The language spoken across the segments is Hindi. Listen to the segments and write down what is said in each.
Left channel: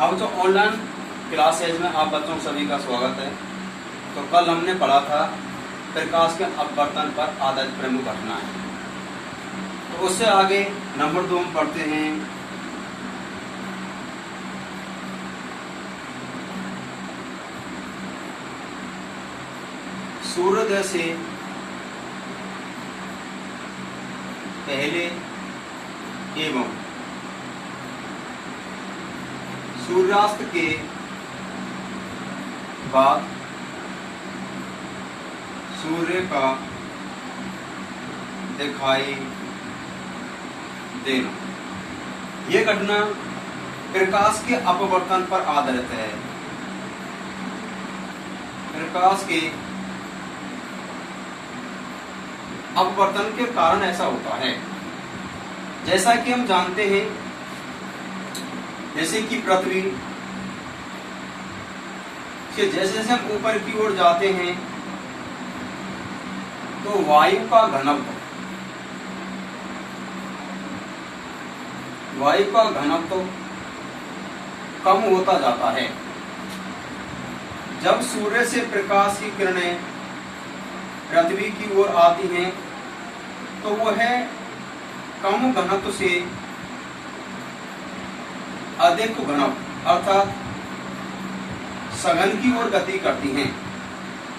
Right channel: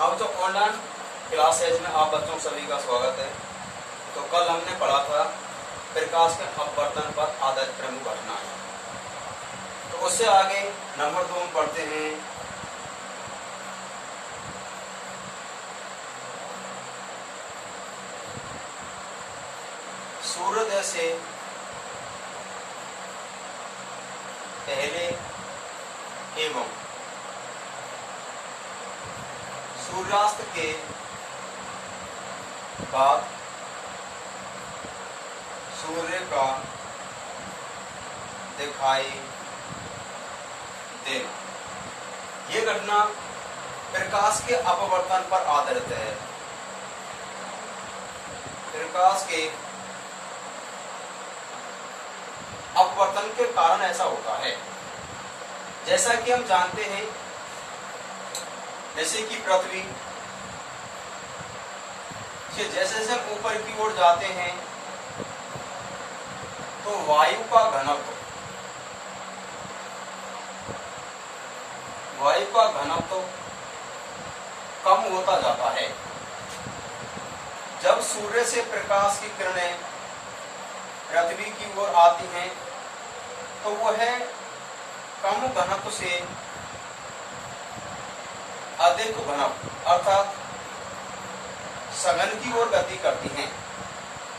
अब जो ऑनलाइन क्लासेज में आप बच्चों सभी का स्वागत है। तो कल हमने पढ़ा था प्रकाश के अपवर्तन पर आधारित प्रमुख घटनाएं। तो उससे आगे नंबर 2 में पढ़ते हैं सूर्योदय से पहले एवं सूर्यास्त के बाद सूर्य का दिखाई देना। ये घटना प्रकाश के अपवर्तन पर आधारित है। प्रकाश के अपवर्तन के कारण ऐसा होता है। जैसा कि हम जानते हैं, जैसे कि पृथ्वी से जैसे जैसे हम ऊपर की ओर जाते हैं तो वायु का घनत्व कम होता जाता है। जब सूर्य से प्रकाश की किरणें पृथ्वी की ओर आती हैं तो वह कम घनत्व से अधिक घनत्व अर्थात सघन की ओर गति करती हैं।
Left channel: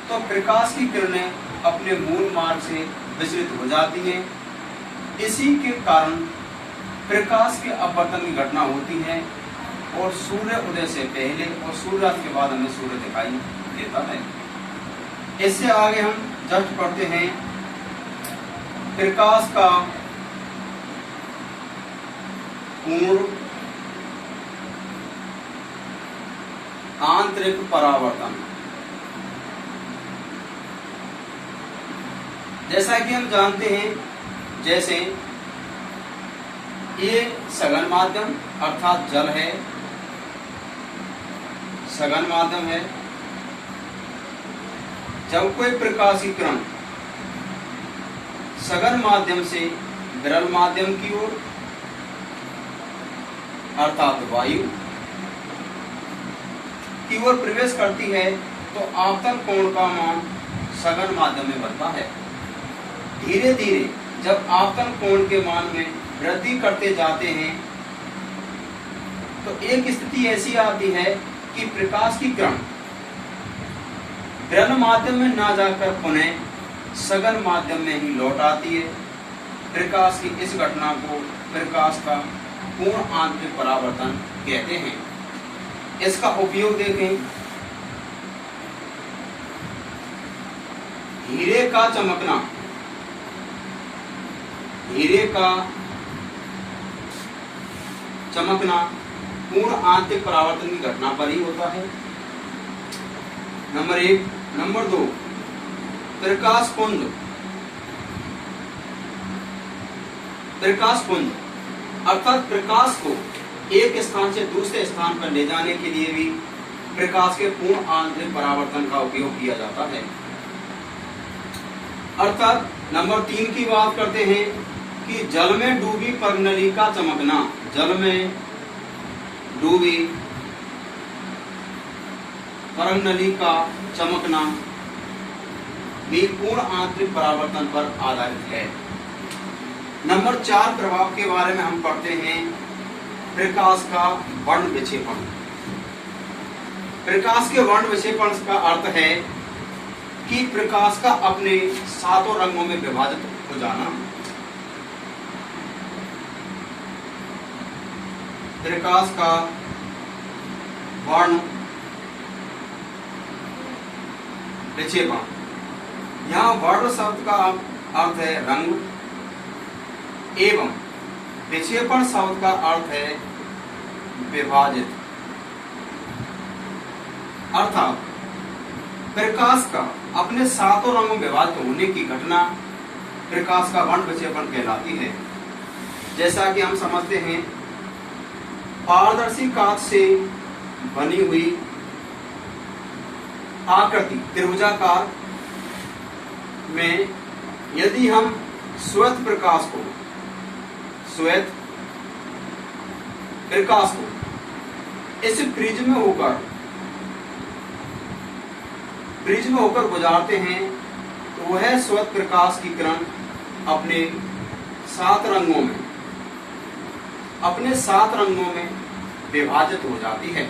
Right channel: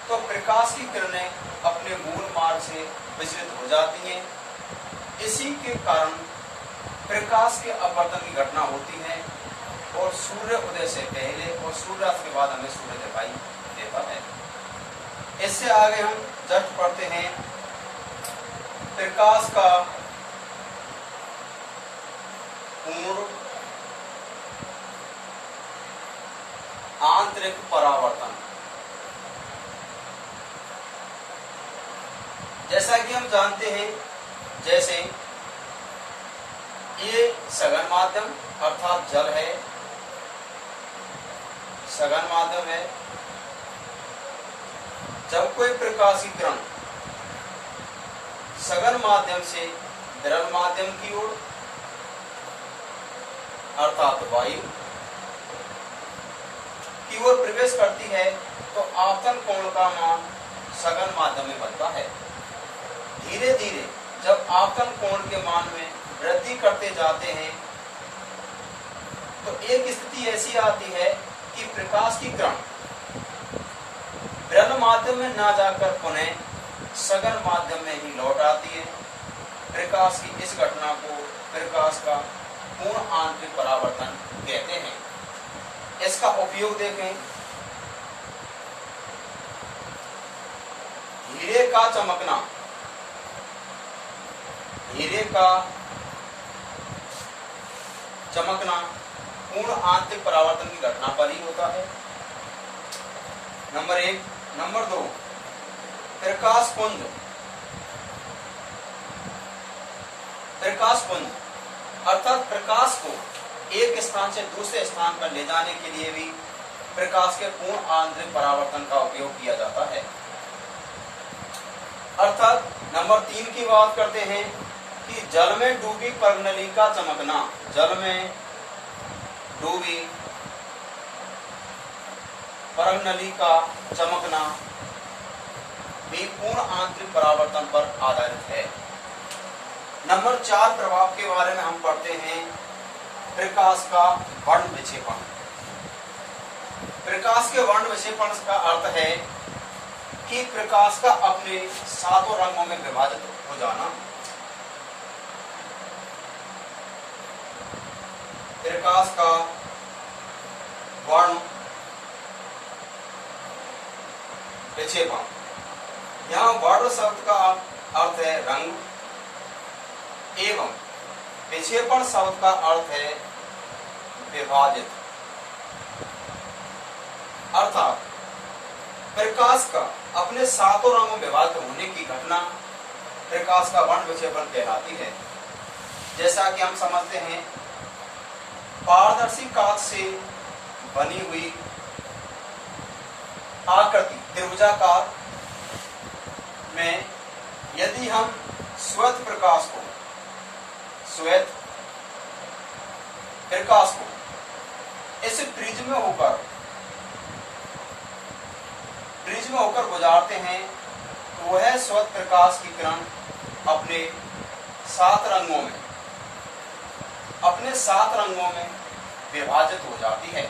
तो प्रकाश की किरणें अपने मूल मार्ग से विचलित हो जाती हैं। इसी के कारण प्रकाश के अपवर्तन की घटना होती है और सूर्य उदय से पहले और सूर्यास्त के बाद हमें सूर्य दिखाई देता है। इससे आगे हम जस्ट पढ़ते हैं प्रकाश का पूर्ण आंतरिक परावर्तन। जैसा कि हम जानते हैं, जैसे ये सघन माध्यम अर्थात जल है, सघन माध्यम है। जब कोई प्रकाश की किरण सघन माध्यम से विरल माध्यम की ओर अर्थात वायु की ओर प्रवेश करती है तो आपतन कोण का मान सघन माध्यम में बढ़ता है। धीरे धीरे जब आपतन कोण के मान में वृद्धि करते जाते हैं तो एक स्थिति ऐसी आती है कि प्रकाश की किरण विरल माध्यम में न जाकर पुनः सघन माध्यम में ही लौट आती है। प्रकाश की इस घटना को प्रकाश का पूर्ण आंतरिक परावर्तन कहते हैं। इसका उपयोग देखें। हीरे का चमकना, हीरे का चमकना पूर्ण आंतरिक परावर्तन की घटना पर ही होता है। नंबर 1। नंबर 2, प्रकाश पुंज। प्रकाश पुंज अर्थात प्रकाश को एक स्थान से दूसरे स्थान पर ले जाने के लिए भी प्रकाश के पूर्ण आंतरिक परावर्तन का उपयोग किया जाता है। अर्थात नंबर 3 की बात करते हैं कि जल में डूबी पर्णनली का चमकना। जल में डूबी पर्णनली का चमकना भी पूर्ण आंतरिक परावर्तन पर आधारित है। नंबर 4 प्रभाव के बारे में हम पढ़ते हैं प्रकाश का वर्ण विक्षेपण। प्रकाश के वर्ण विक्षेपण का अर्थ है कि प्रकाश का अपने 7 रंगों में विभाजित हो जाना। प्रकाश का वर्ण विक्षेपण। यहाँ वर्ण शब्द का अर्थ है रंग एवं विक्षेपण शब्द का अर्थ है विभाजित। अर्थात प्रकाश का अपने 7 रंगों में विभाजित होने की घटना प्रकाश का वर्ण विक्षेपण कहलाती है। जैसा कि हम समझते हैं, पारदर्शी कांच से बनी हुई आकृति त्रिभुजाकार में यदि हम श्वेत प्रकाश को इस प्रिज्म होकर गुजारते हैं तो वह स्वतः प्रकाश की किरण अपने 7 रंगों में विभाजित हो जाती है।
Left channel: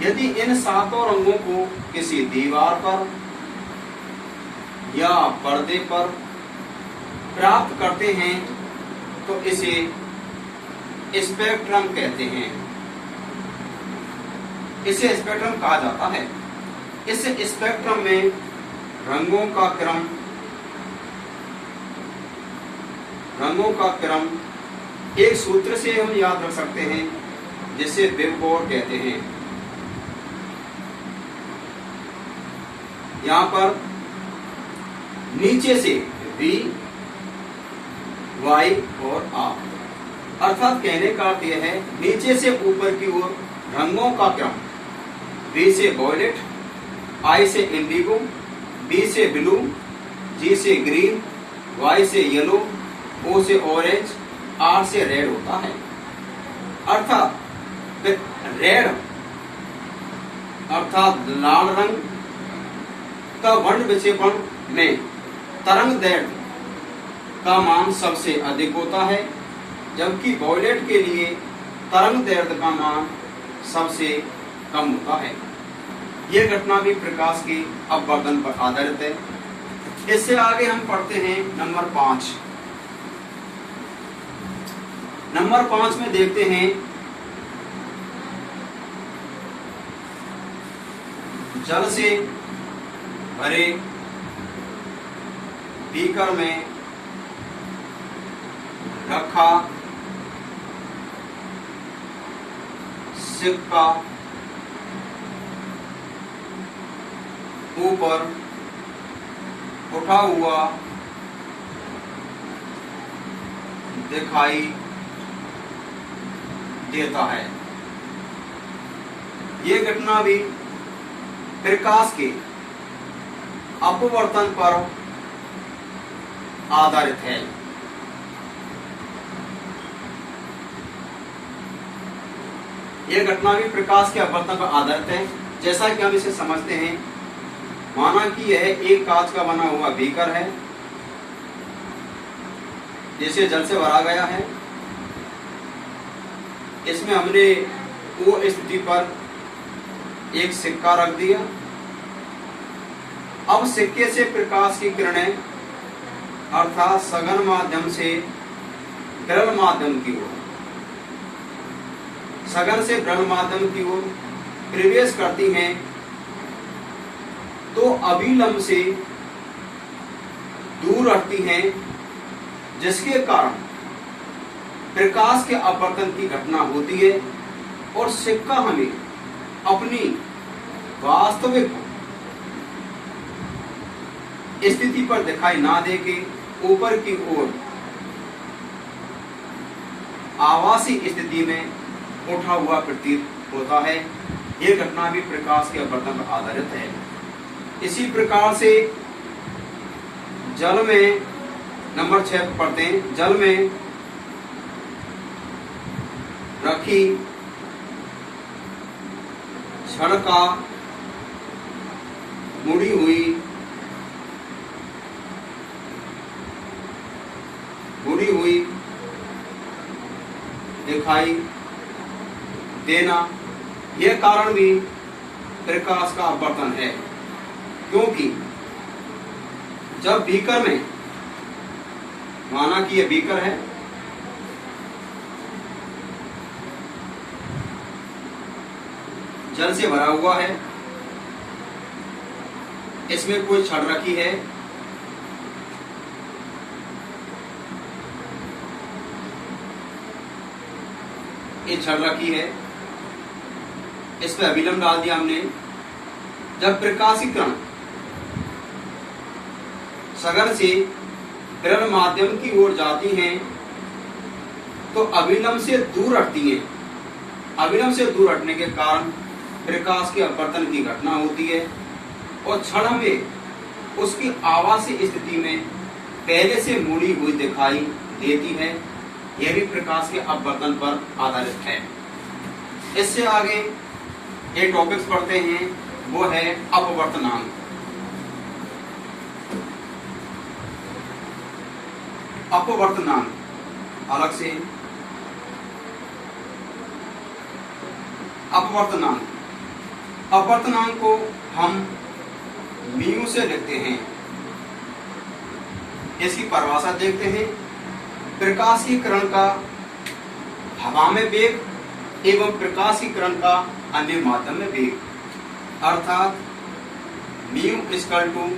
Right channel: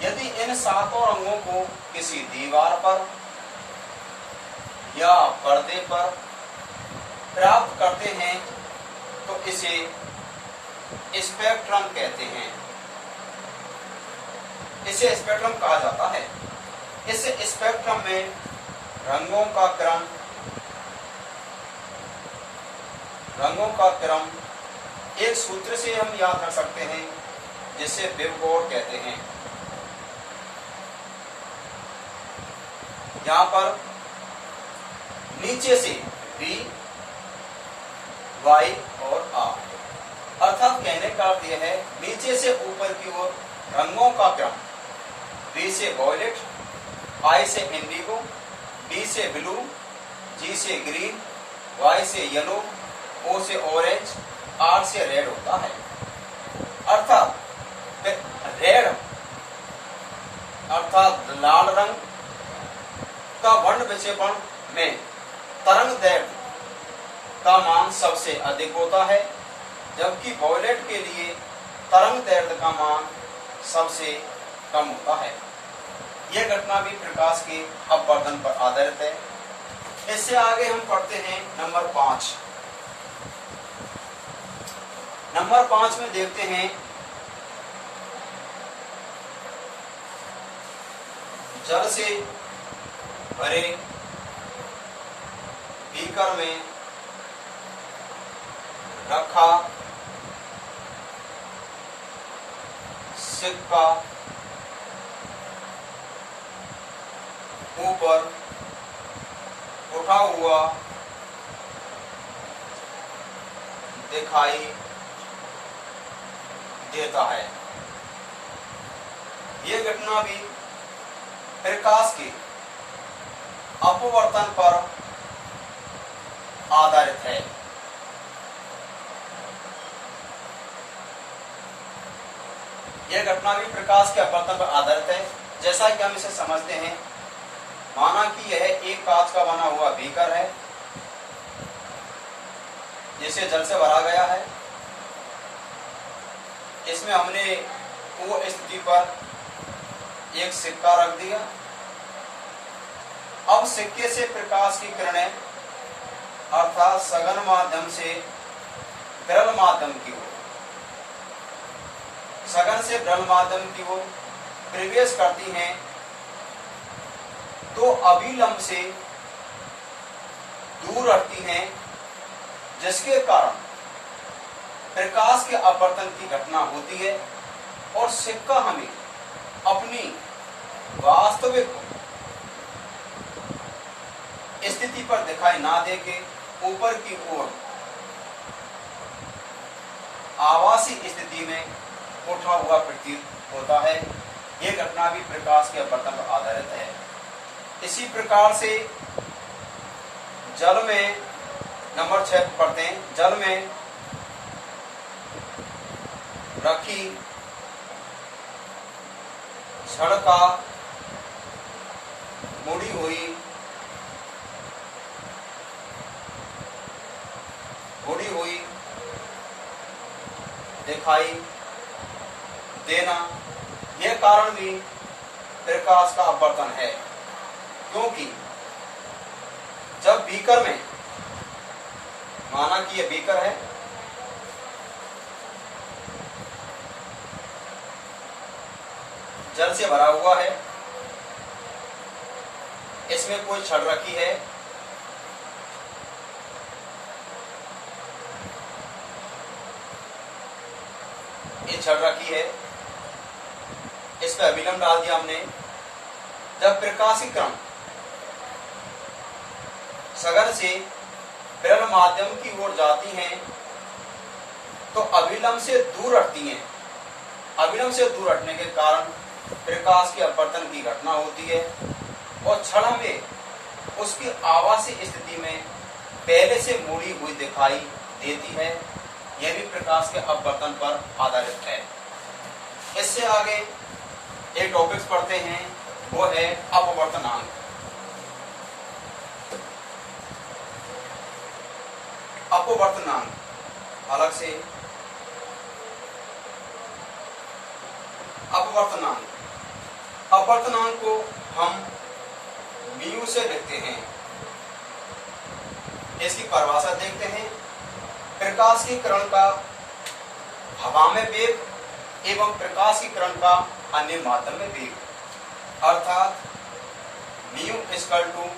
यदि इन 7 रंगों को किसी दीवार पर या पर्दे पर प्राप्त करते हैं तो इसे स्पेक्ट्रम कहते हैं। इसे स्पेक्ट्रम कहा जाता है। इस स्पेक्ट्रम में रंगों का क्रम एक सूत्र से हम याद रख सकते हैं, जिसे वेवफॉर्म कहते हैं। यहां पर नीचे से V, Y और R, अर्थात कहने का अर्थ यह है नीचे से ऊपर की ओर रंगों का क्रम। V से वॉयलेट, I से इंडिगो, B से ब्लू, G से ग्रीन, Y से येलो, O से ऑरेंज, R से रेड होता है। अर्थात रेड अर्थात लाल रंग का वर्ण विक्षेपण में तरंग दैर्घ्य का मान सबसे अधिक होता है, जबकि वॉयलेट के लिए तरंग दैर्घ्य का मान सबसे कम होता है। यह घटना भी प्रकाश के अपवर्तन पर आधारित है। इससे आगे हम पढ़ते हैं नंबर 5। नंबर 5 में देखते हैं जल से भरे बीकर में रखा सिक्का ऊपर उठा हुआ दिखाई देता है। ये घटना भी प्रकाश के अपवर्तन पर आधारित है। यह घटना भी प्रकाश के अपवर्तन पर आधारित है। जैसा कि हम इसे समझते हैं, माना कि यह एक कांच का बना हुआ बीकर है जिसे जल से भरा गया है। इसमें हमने O स्थिति पर एक सिक्का रख दिया। अब सिक्के से प्रकाश की किरणें अर्थात सघन माध्यम से विरल माध्यम की ओर प्रवेश करती हैं तो अभिलंब से दूर हटती हैं, जिसके कारण प्रकाश के अपवर्तन की घटना होती है और सिक्का हमें अपनी वास्तविक स्थिति पर दिखाई ना दे के ऊपर की ओर आभासी स्थिति में उठा हुआ प्रतीत होता है। यह घटना भी प्रकाश के अपवर्तन पर आधारित है। इसी प्रकार से जल में नंबर 6 पर पढ़ते हैं। जल में रखी छड़ का मुड़ी हुई दिखाई देना, यह कारण भी प्रकाश का अपवर्तन है। क्योंकि जब बीकर में, माना कि यह बीकर है, जल से भरा हुआ है, इसमें कोई छड़ रखी है, ये छड़ रखी है, इस पर अभिलंब डाल दिया हमने। जब प्रकाश की किरण सघन से विरल माध्यम की ओर जाती हैं तो अभिलंब से दूर हटती हैं। अभिलंब से दूर हटने के कारण प्रकाश के अपवर्तन की घटना होती है और छड़ में उसकी आभासी स्थिति में पहले से मुड़ी हुई दिखाई देती है। यह भी प्रकाश के अपवर्तन पर आधारित है। इससे आगे एक टॉपिक्स पढ़ते हैं, वो है अपवर्तनांक। अपवर्तनांक अलग से अपवर्तनांक को हम म्यू से लिखते हैं। इसकी परिभाषा देखते हैं। प्रकाशीकरण का हवा में वेग एवं प्रकाशीकरण का अन्य माध्यम में वेग, अर्थात म्यू इक्वल टू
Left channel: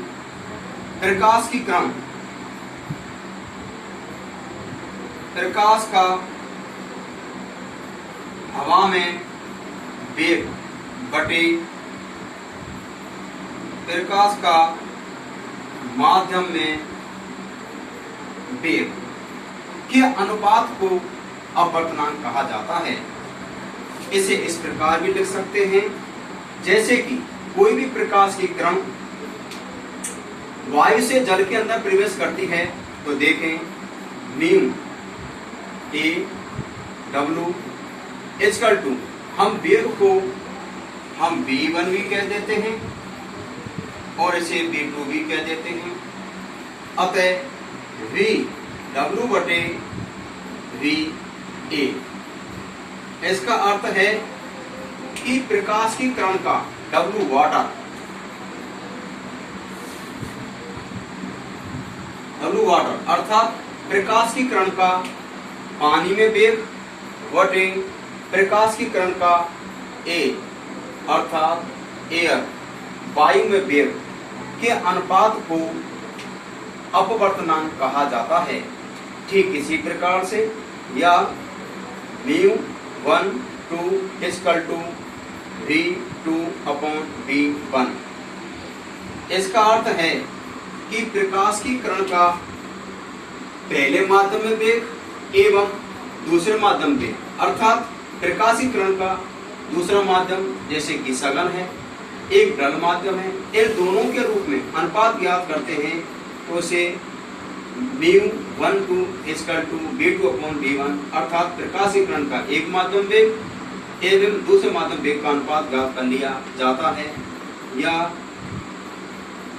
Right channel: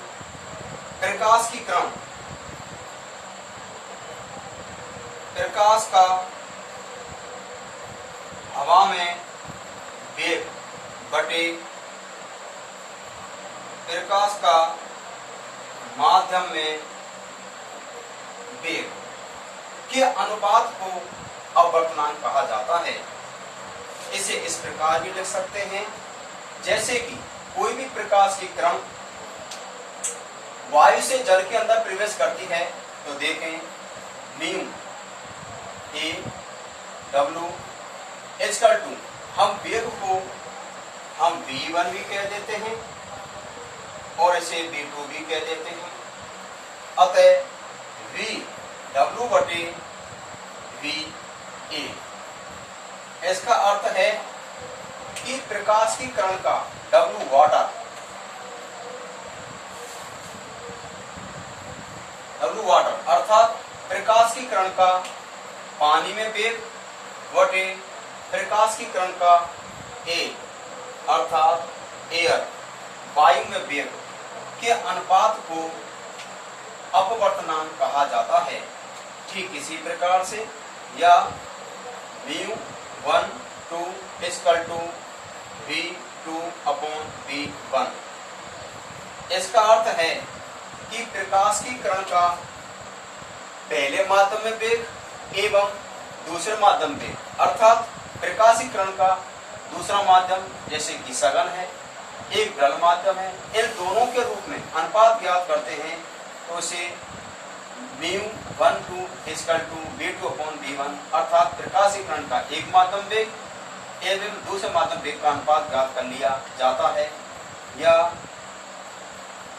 प्रकाश का हवा में वेग बटे प्रकाश का माध्यम में वेग के अनुपात को अपवर्तनांक कहा जाता है। इसे इस प्रकार भी लिख सकते हैं, जैसे कि कोई भी प्रकाश की किरण वायु से जल के अंदर प्रवेश करती है तो देखें mu A W equal to, हम वेग को हम v1 भी कह देते हैं और इसे v2 भी कह देते हैं। अतः v w बटे v a, इसका अर्थ है कि प्रकाश की किरण का w वाटर अर्थात प्रकाश की किरण का पानी में वेग बटे प्रकाश की किरण का a अर्थात एयर वायु में वेग के अनुपात को अपवर्तनांक कहा जाता है। ठीक इसी प्रकार से या μ1 2 equal to v2 upon v1, इसका अर्थ है कि प्रकाश की किरण का पहले माध्यम में वेग एवं दूसरे माध्यम वेग, अर्थात प्रकाशी किरण का दूसरा माध्यम जैसे कि सघन है, एक ढल माध्यम है, इन दोनों के रूप में अनुपात ज्ञात करते हैं तो उसे μ1 2 equal to v2 upon v1, अर्थात प्रकाशी किरण का एक माध्यम वेग एवं दूसरे माध्यम वेग का अनुपात ज्ञात कर लिया जाता है। या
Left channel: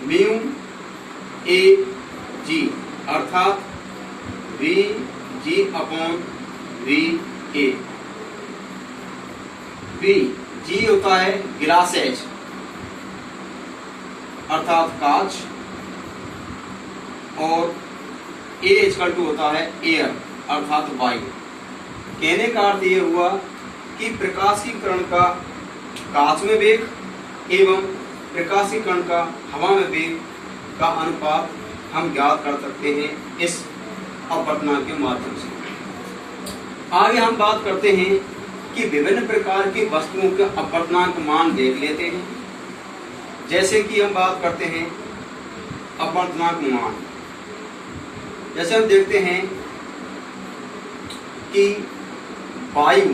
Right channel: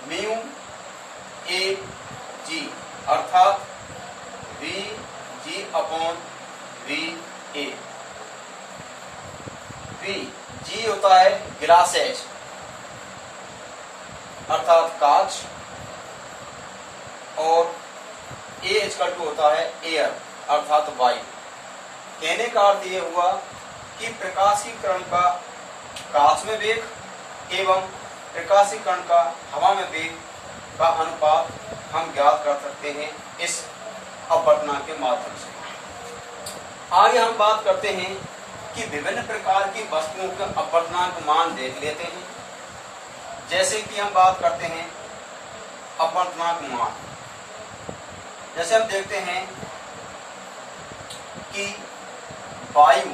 म्यू ए जी अर्थात we ji upon V A. We जी होता है ग्लास एज अर्थात कांच और ए इक्वल टू होता है एयर अर्थात वायु। कहने का अर्थ यह हुआ कि प्रकाशीकरण का कांच में वेग एवं प्रकाशीकरण का हवा में वेग का अनुपात हम ज्ञात कर सकते हैं इस अपवर्तनांक के माध्यम से। आगे हम बात करते हैं कि विभिन्न प्रकार की वस्तुओं के अपवर्तनांक मान देख लेते हैं। जैसे कि हम बात करते हैं अपवर्तनांक मान, जैसे हम देखते हैं कि वायु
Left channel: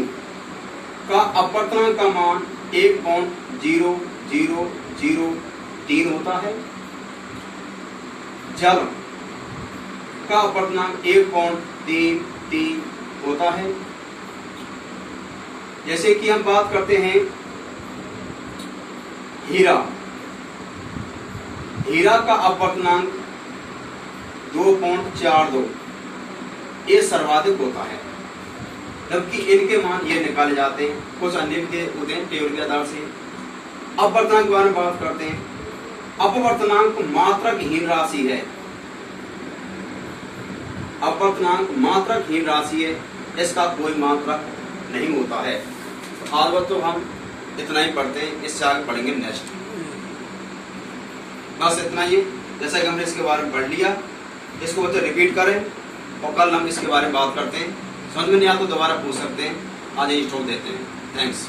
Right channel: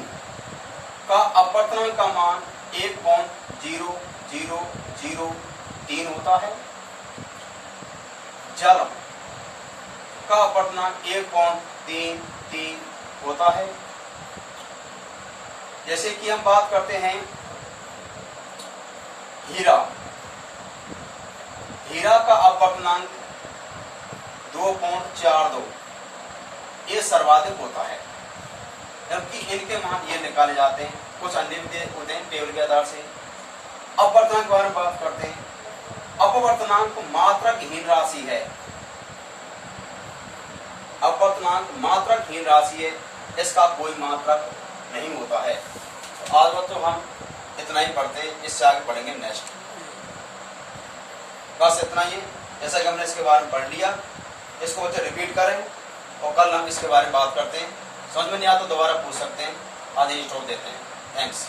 का अपवर्तनांक का मान 1.0003 होता है। जल का अपवर्तनांक 1.33 होता है। जैसे कि हम बात करते हैं हीरा का अपवर्तनांक 2.42 ये सर्वाधिक होता है, जबकि इनके मान ये निकाले जाते हैं। कुछ अन्य के होते हैं टेबल के आधार से। अपवर्तनांक के बारे में बात करते हैं। अपवर्तनांक मात्रकहीन राशि है। अपवर्तनांक मात्रकहीन राशि है, इसका कोई मात्रक नहीं होता है। तो आज वक्त तो हम इतना ही पढ़ते हैं, इससे आगे पढ़ेंगे नेक्स्ट। बस इतना ही। जैसा कि हमने इसके बारे में पढ़ लिया, इसको बच्चे रिपीट करें और कल हम इसके बारे में बात करते हैं। समझ में नहीं आता तो दोबारा पूछ सकते हैं। आज यही स्टॉप देते हैं। थैंक्स।